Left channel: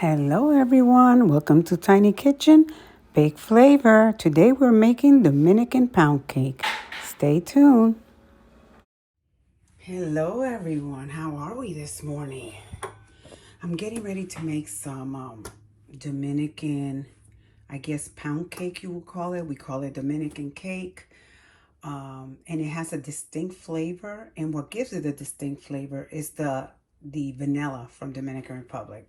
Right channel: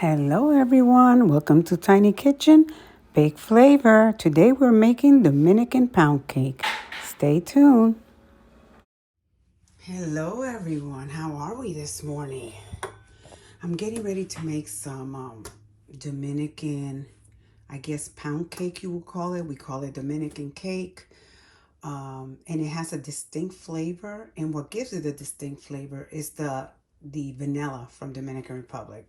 Hello everyone, welcome to Tiny Kitchen Bake Flavor. Today we're making Dominican pound cake. Stay tuned. Hello everyone, how are we this morning? I'm getting ready to make some Dominican, I guess pound cake you would call it. We call it Dominican cake. And it has a distinct flavor, and what gives it a distinct flavor is the vanilla from Dominican Republic.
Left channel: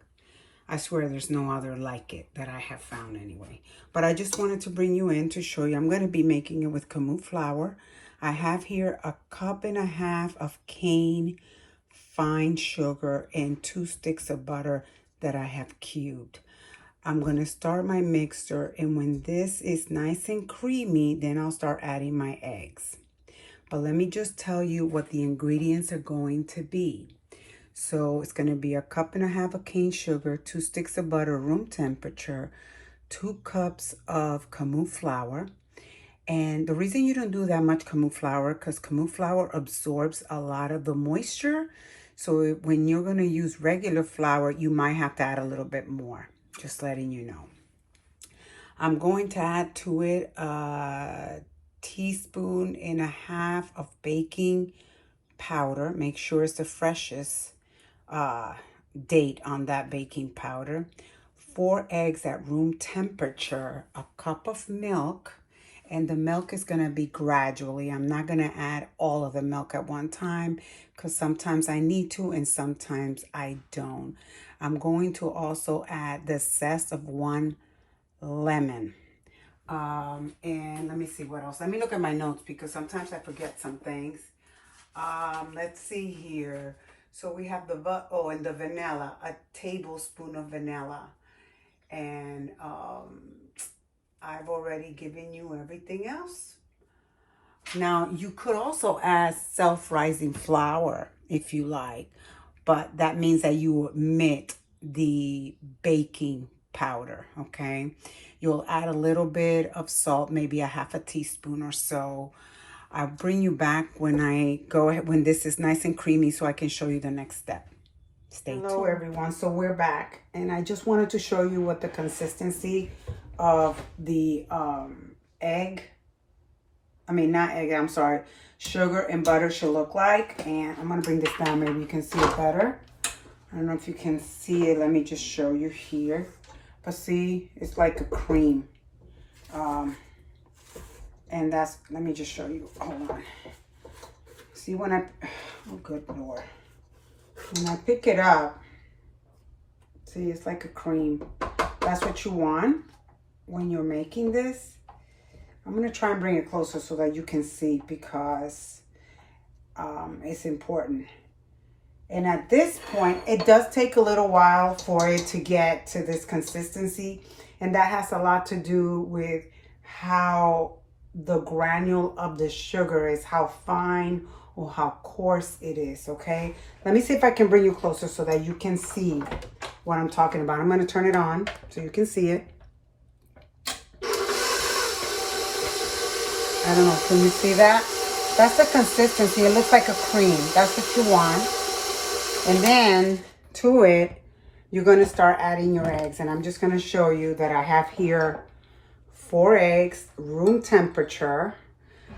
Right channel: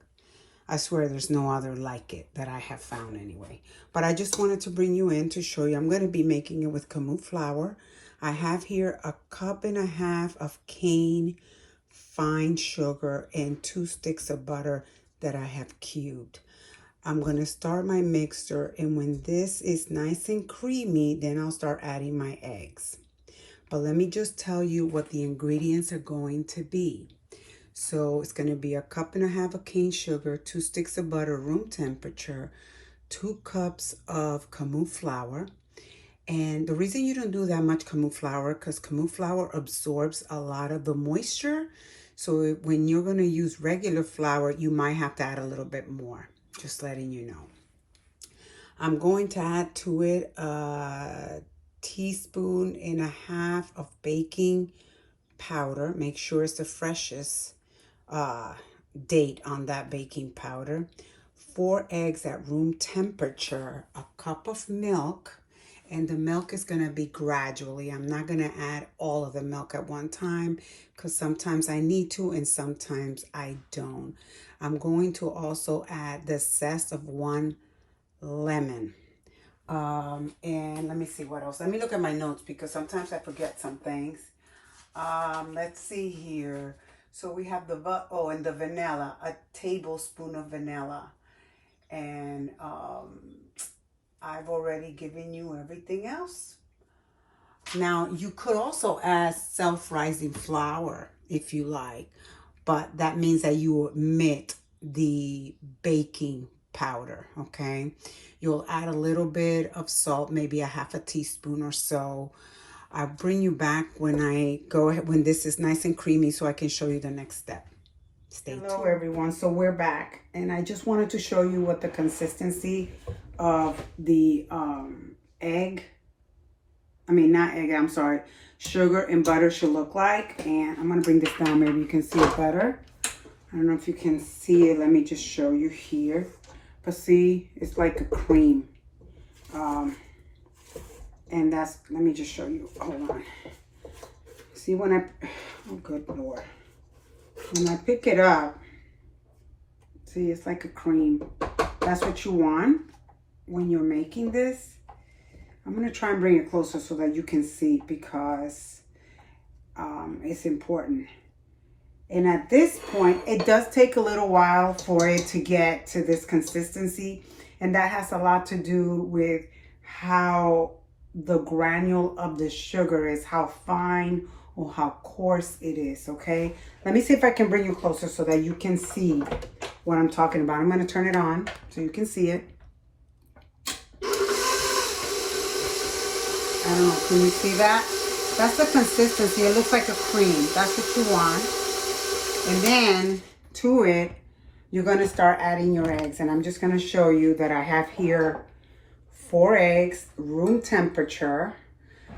I swear there's no other like it that I have found anyway. But I just wanted to bring you in to show you. I'm going to be making it with Kamut flour. I have here 1.5 cups of cane fine sugar and 2 sticks of butter that I have cubed. I'm going to start my mixture, and when this is nice and creamy, then I'll start adding my eggs. But let me just tell you what the ingredients are going to be. So it's going to be 1.5 cups of cane sugar, 2 sticks of butter, room temperature, 2 cups of Kamut flour. And the reason you don't do that much Kamut flour, because Kamut flour absorbs a lot of the moisture. So when you're going to use regular flour, you might have to add a little bit more. Just letting you know. I'm going to add to it 1.5 teaspoons of baking powder. Make sure it's the freshest date on that baking powder. 4 eggs at room temperature, 1 cup of milk, and the milk is going to be gradually. I'm not going to add all of the milk at one time because sometimes I need to and sometimes I don't. I'm going to also add the zest of 1 lemon. And let me see what else. Let me look at my notes because sometimes I forget some things. Let's see here. So we have and the vanilla, 1 tablespoon of vanilla. And I've already given you everything else. Now, you could also add self-rising flour if you like, but that means that you omit the baking powder, okay? You'll add a little bit of salt, maybe 1/2 teaspoon or so. I'll bring you back when this is nice and creamy so I can show you the next step. Stay tuned. Hello everyone, so we're back and I just wanted to show you what the consistency of the sugar and butter should look like. And I'm going to bring this down, maybe you can see it better. I don't know if you can see it. Let me just show you here. But see, it's like a cream. And let me just show you. Hold on. See oh good Lord. When I pick it up, see, it's like a cream. That's what you want when you're making this. I'm going to try and bring it closer so that you can see because it's important. And at this point, it does take a little while for it to get to this consistency. And that has a lot to do with how the granule of the sugar is, how fine or how coarse it is, okay? Let me see if I can bring you closer so that you can see what I'm talking about. I'm going to turn it on so you can see it. I don't know, can you see that? That's the consistency. It looks like a cream. That's what you want. And then to it, you're going to start adding your eggs. And I'm just going to show you that I have here 4 eggs, room temperature.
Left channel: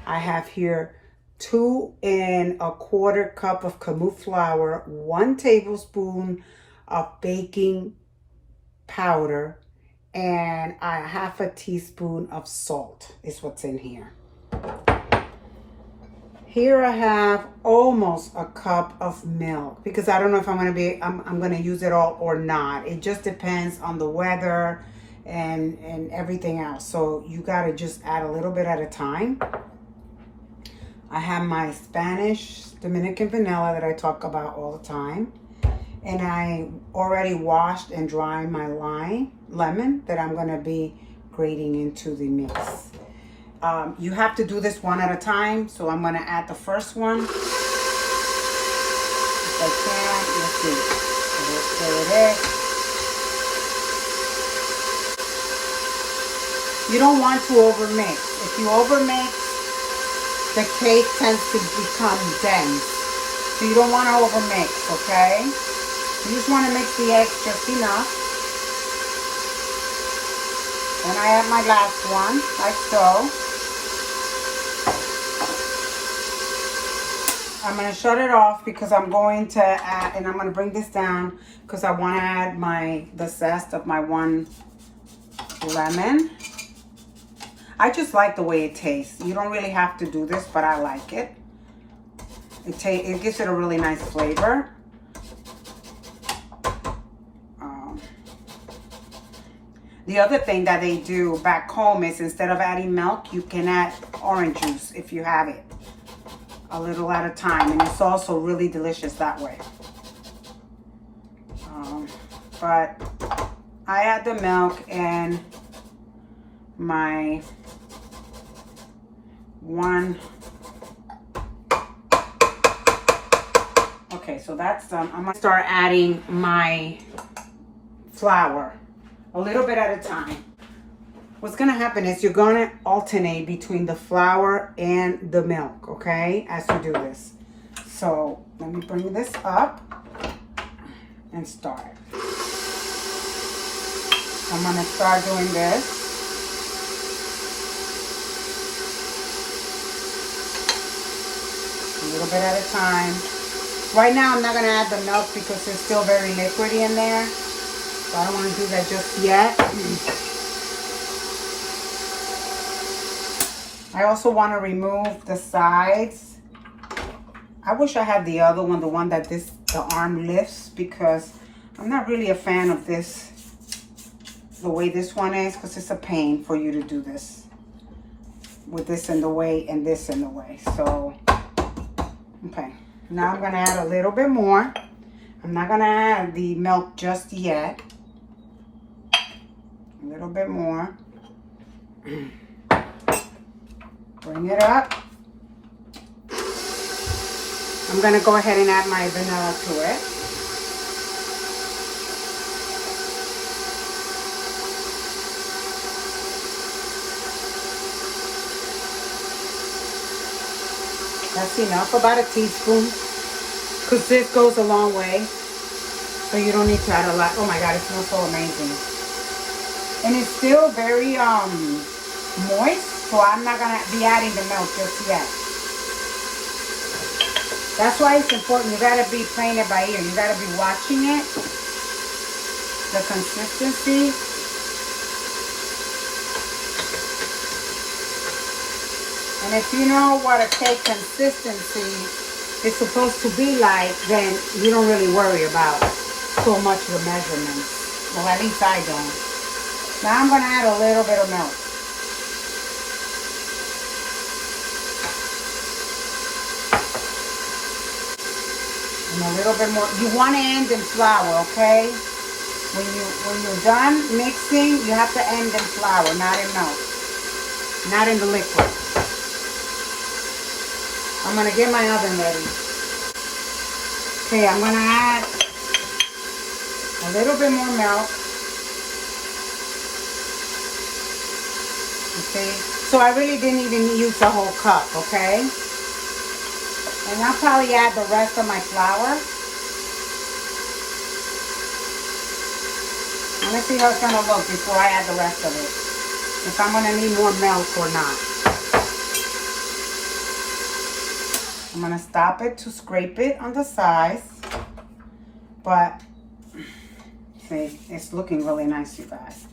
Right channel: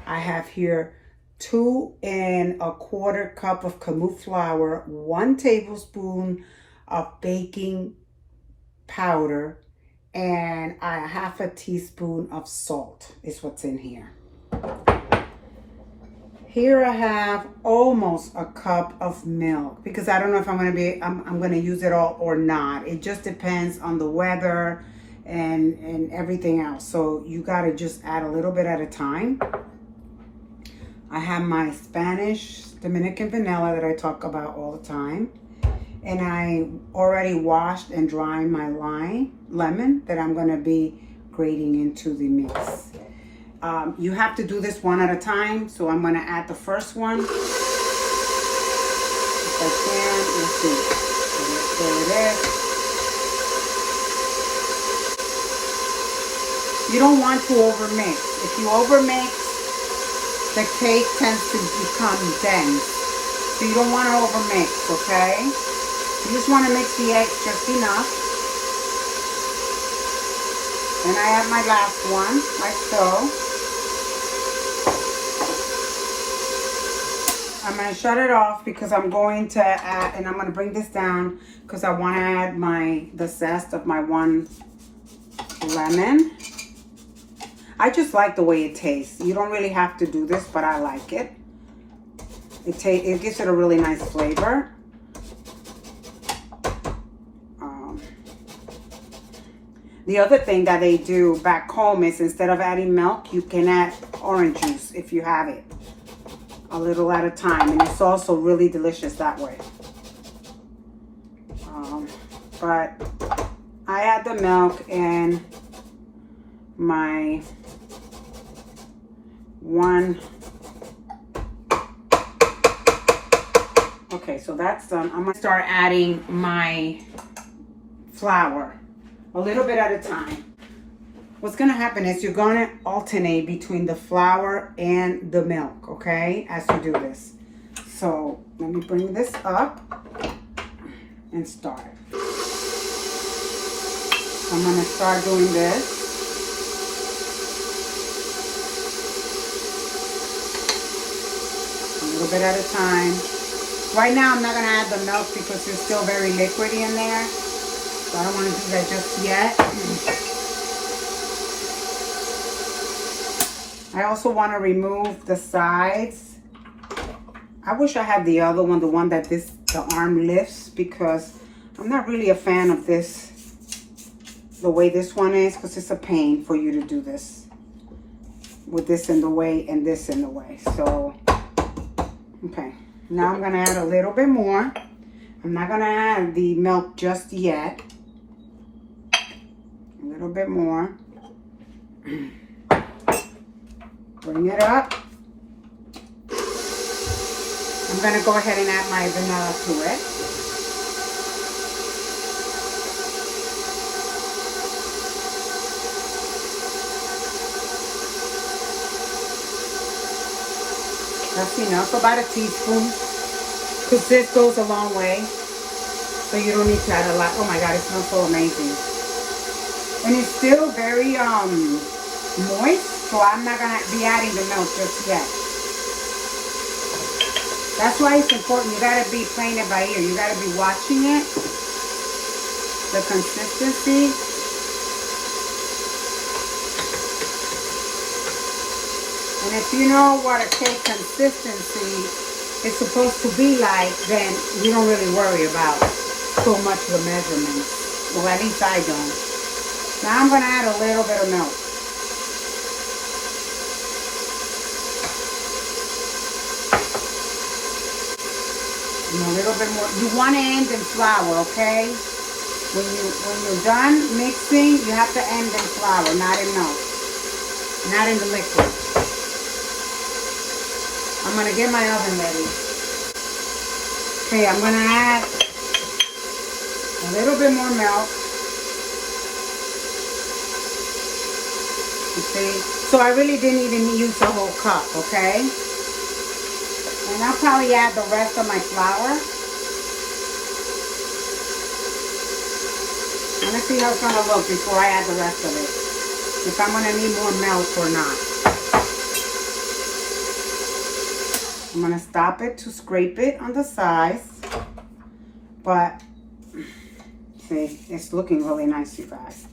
I have here 2 1/4 cup of Kamut flour, 1 tablespoon of baking powder, and 1/2 teaspoon of salt is what's in here. Here I have almost 1 cup of milk because I don't know if I'm going to use it all or not. It just depends on the weather and everything else. So you got to just add a little bit at a time. I have my Spanish Dominican vanilla that I talk about all the time. And I already washed and dried my lemon that I'm going to be grating into the mix. You have to do this one at a time. So I'm going to add the first one. If I can, let's see. There it is. You don't want to overmix. If you overmix, the cake tends to become dense. So you don't want to overmix, okay? You just want to mix the eggs just enough. Then I have my last one, like so. I'm going to shut it off because I'm going to add, and I'm going to bring this down because I want to add the zest of my one lemon. I just like the way it tastes. You don't really have to do this, but I like it. It gives it a really nice flavor. The other thing that they do back home is instead of adding milk, you can add orange juice if you have it. A little at a time. And it's also really delicious that way. But I add the milk and my one. Okay, so that's done. I'm going to start adding my flour. A little bit at a time. What's going to happen is you're going to alternate between the flour and the milk, okay, as you do this. So let me bring this up and start. I'm going to start doing this. A little bit at a time. Right now I'm not going to add the milk because it's still very liquidy in there. So I don't want to do that just yet. I also want to remove the sides. I wish I had the other one, the one that the arm lifts, because I'm not really a fan of this, the way this one is, because it's a pain for you to do this with this in the way and this in the way. So, okay. Now I'm going to add a little bit more. I'm not going to add the milk just yet. A little bit more. Bring it up. I'm going to go ahead and add my vanilla to it. That's enough, about a teaspoon, because this goes a long way. So you don't need to add a lot. Oh my God, it smells so amazing. And it's still very moist, so I'm not going to be adding the milk just yet. That's why it's important. You got to be playing it by ear. You got to be watching it, the consistency. And if you know what a cake consistency is supposed to be like, then you don't really worry about so much the measurements. Well, at least I don't. Now I'm going to add a little bit of milk. And a little bit more. You want to end in flour, okay? When you're done mixing, you have to end in flour, not in milk. Not in the liquid. I'm going to get my oven ready. Okay, I'm going to add a little bit more milk. Okay, so I really didn't even use the whole cup, okay? And I'll probably add the rest of my flour. I'm going to see how it's going to look before I add the rest of it. If I'm going to need more milk or not. I'm going to stop it to scrape it on the sides. But, see, it's looking really nice, you guys.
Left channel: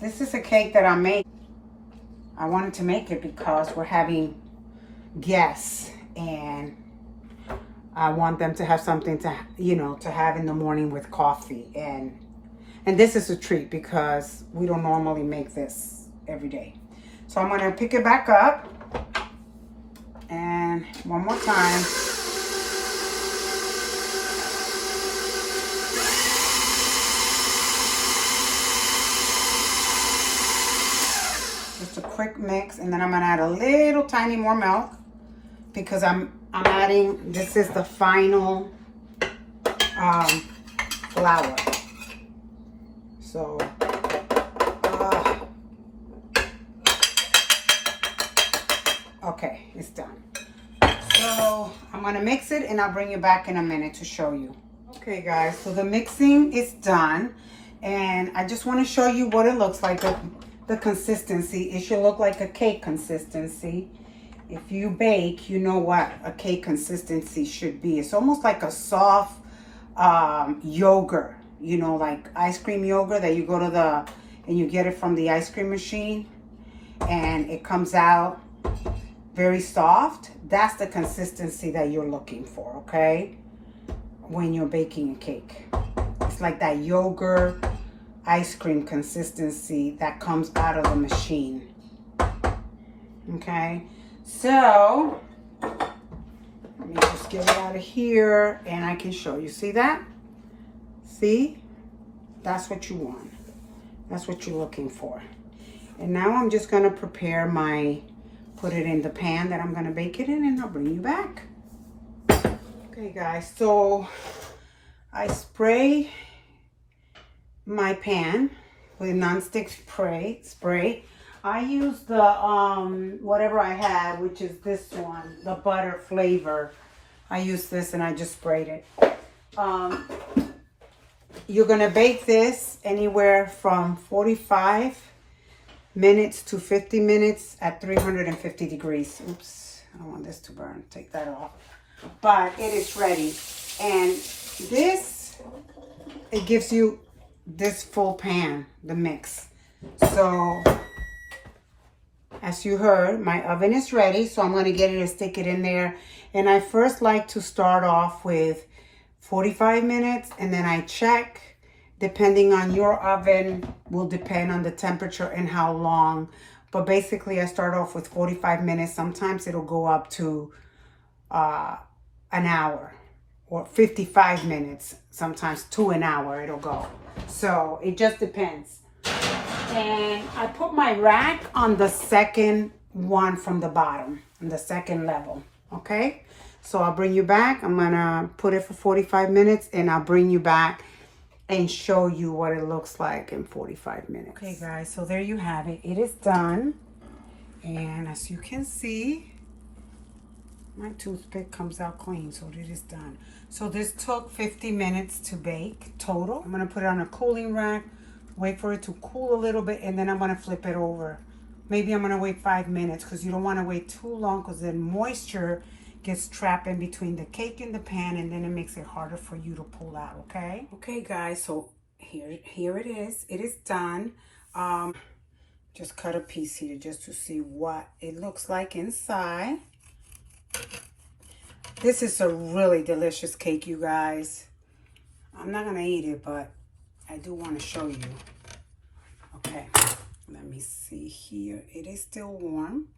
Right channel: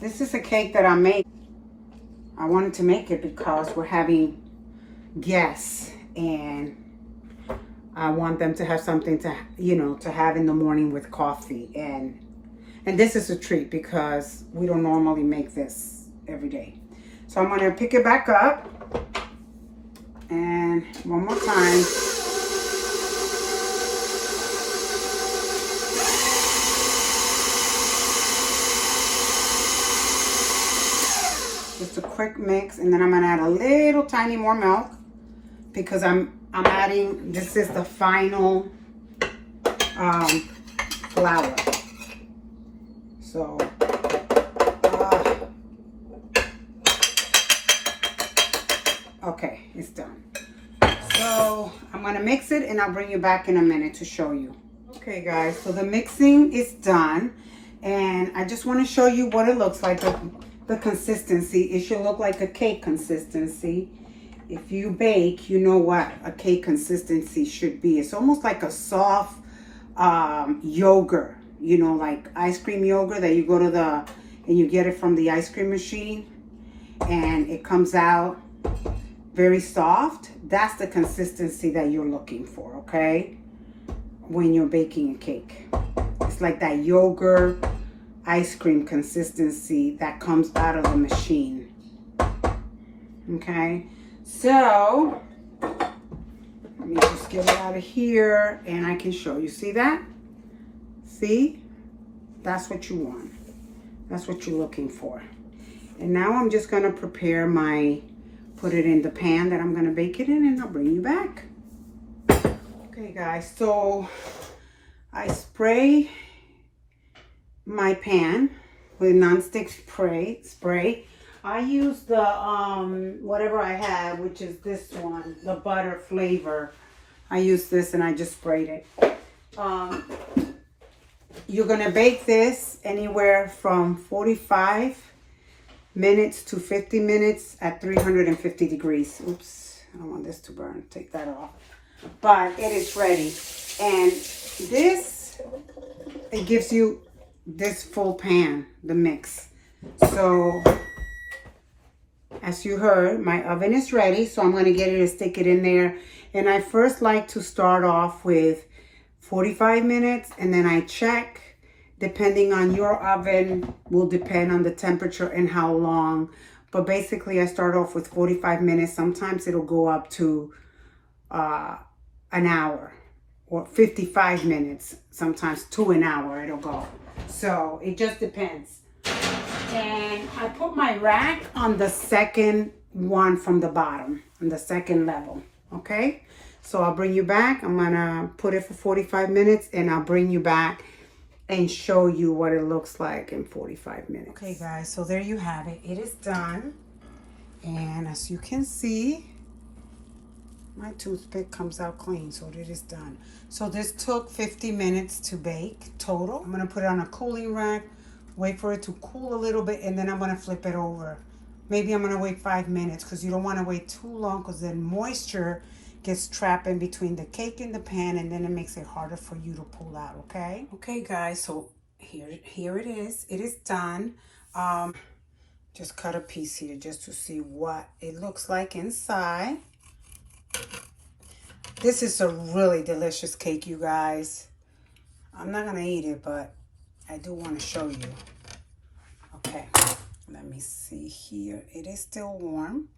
This is a cake that I made. I wanted to make it because we're having guests. And I want them to have something to, you know, to have in the morning with coffee. And this is a treat because we don't normally make this every day. So I'm going to pick it back up. And one more time. Just a quick mix, and then I'm gonna add a little tiny more milk because I'm adding, this is the final flour. So okay, it's done. So I'm gonna mix it and I'll bring you back in a minute to show you. Okay guys, so the mixing is done and I just want to show you what it looks like. the consistency. It should look like a cake consistency. If you bake, you know what a cake consistency should be. It's almost like a soft yogurt, you know, like ice cream yogurt that you go to and you get it from the ice cream machine and it comes out very soft. That's the consistency that you're looking for, okay? When you're baking a cake. It's like that yogurt ice cream consistency that comes out of the machine. Okay? So, let me just get it out of here and I can show you. See that? See? That's what you want. That's what you're looking for. And now I'm just going to prepare put it in the pan that I'm going to bake it in, and I'll bring you back. Okay, guys, so I spray my pan with nonstick spray. I use the whatever I have, which is this one, the butter flavor. I use this and I just sprayed it. You're gonna bake this anywhere from 45 minutes to 50 minutes at 350 degrees. Oops, I don't want this to burn. Take that off. But it is ready. And this, it gives you this full pan, the mix. So, as you heard, my oven is ready. So I'm going to get it and stick it in there. And I first like to start off with 45 minutes. And then I check, depending on your oven, will depend on the temperature and how long. But basically, I start off with 45 minutes. Sometimes it'll go up to an hour or 55 minutes. Sometimes to an hour it'll go. So it just depends. And I put my rack on the second one from the bottom, on the second level. Okay? So I'll bring you back. I'm gonna put it for 45 minutes and I'll bring you back and show you what it looks like in 45 minutes. Okay, guys, so there you have it. It is done. And as you can see, my toothpick comes out clean, so it is done. So this took 50 minutes to bake total. I'm gonna put it on a cooling rack, wait for it to cool a little bit, and then I'm gonna flip it over. Maybe I'm gonna wait 5 minutes because you don't wanna wait too long because then moisture gets trapped in between the cake and the pan, and then it makes it harder for you to pull out, okay? Okay, guys, so here it is. It is done. Just cut a piece here just to see what it looks like inside. This is a really delicious cake, you guys. I'm not gonna eat it, but I do want to show you. Okay, let me see here. It is still warm.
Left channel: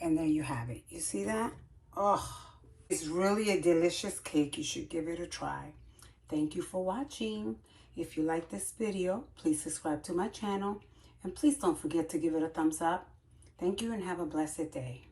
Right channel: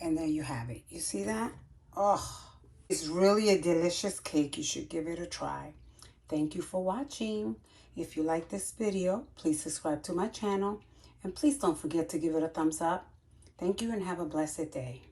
And there you have it. You see that? Oh, it's really a delicious cake. You should give it a try. Thank you for watching. If you like this video, please subscribe to my channel. And please don't forget to give it a thumbs up. Thank you and have a blessed day.